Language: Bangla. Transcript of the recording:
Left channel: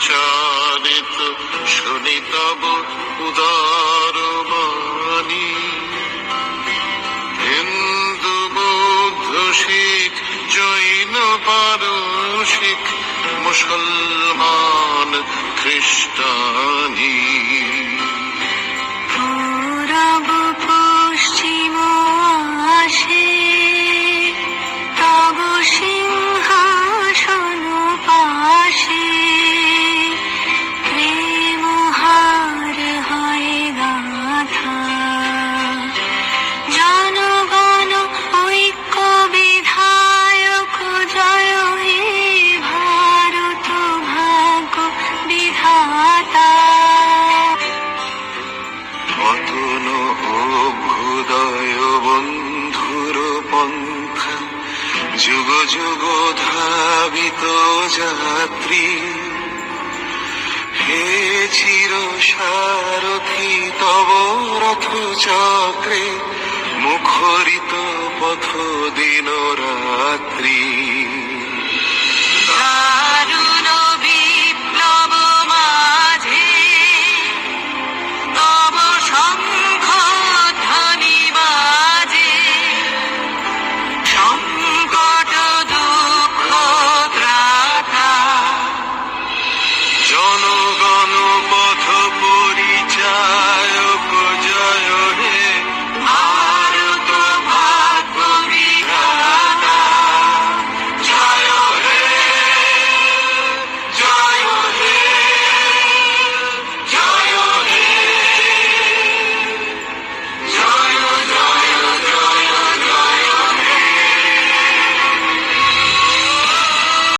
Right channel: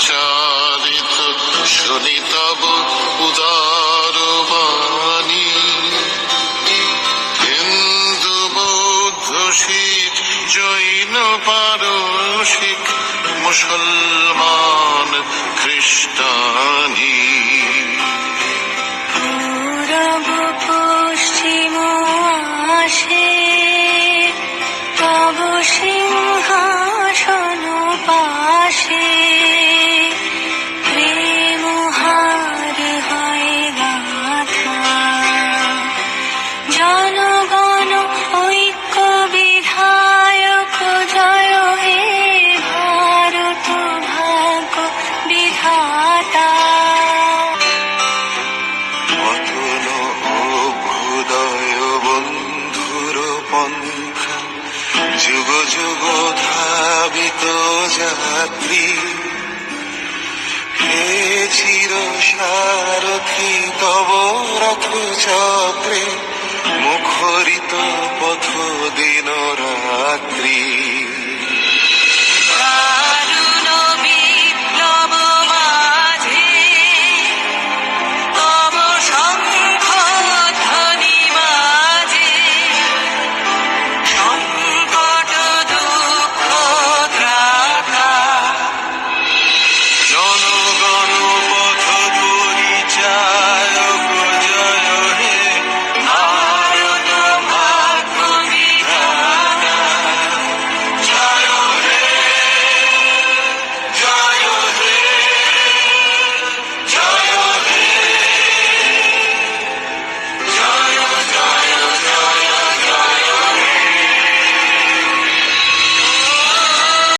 বিচারিত শুনি তব উদার হিন্দু বৌদ্ধ শিখ জৈন পারসিক মুসলমান খ্রিস্টানি পন্থা, যুগ যুগ ধাবিত যাত্রী। হে চির সারথি তব রথ চক্রে মুখরিত পথ দিন রাত্রি।